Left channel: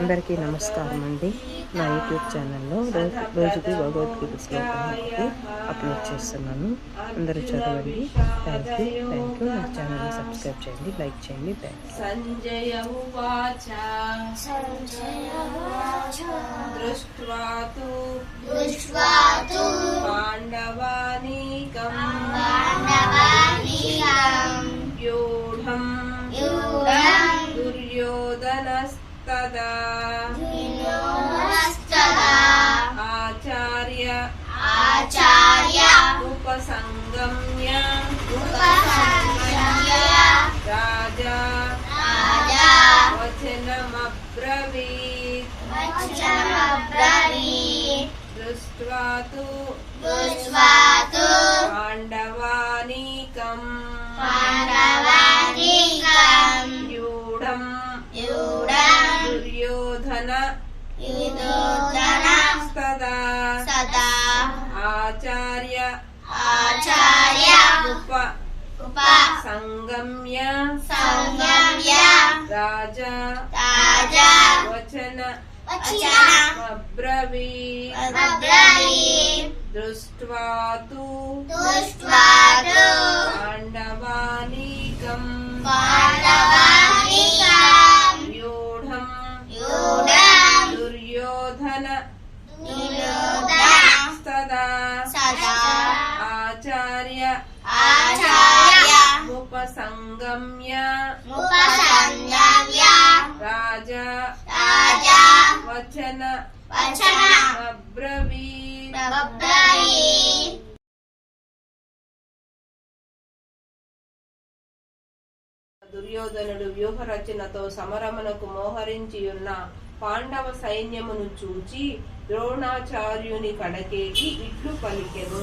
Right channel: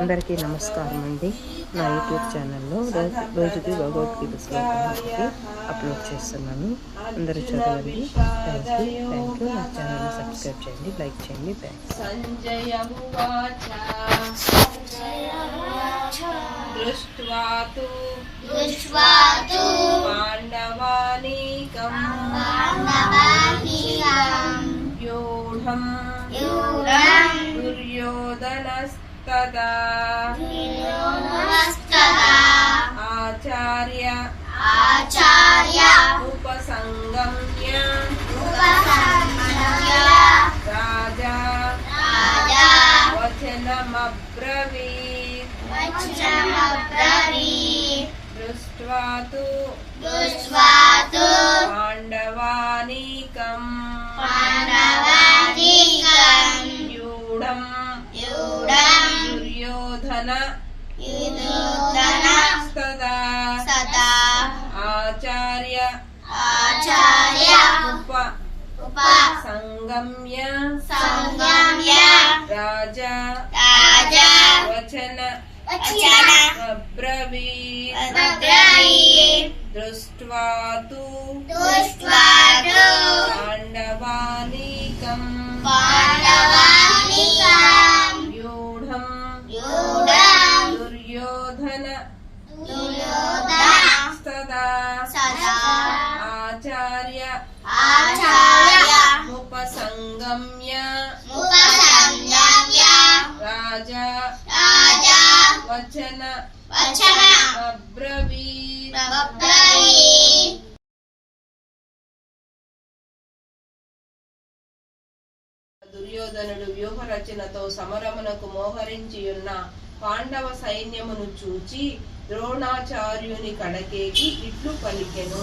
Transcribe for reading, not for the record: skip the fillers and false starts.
అందరికీ నమస్కారం అండి. నా యూట్యూబ్ ఛానల్లో రోజుకి భగవద్గీత శ్లోకం ఒకటి అప్లోడ్ చేస్తున్నాను. అందరూ చదవండి. Thank you. నా ఛానల్ని సబ్స్క్రైబ్ చేయండి, లైక్ చేయండి. థ్యాంక్స్. దుర్యోధనస్తదా ఆచార్య ఉపసంగమ్య రాజా వచనమబ్రవీత్ దృష్ట్వా తు పాండవానీకం దుర్యోధన సదా ఆచార్య ఉపసంగమ్య రాజా వచనమబ్రవీత్ దృష్ట్వా తు పాండవానీకం దుర్యోధన సదా ఆచార్య ఉపసంగమ్య రాజా వచనమబ్రవీత్. దుర్యోధనుడు వ్యూహ రచనతో సమరమునకు మోహరించియున్న పాండవ సైన్యమును చూచి ద్రోణాచార్యుని కడకేకి ఇట్లు పలికెను.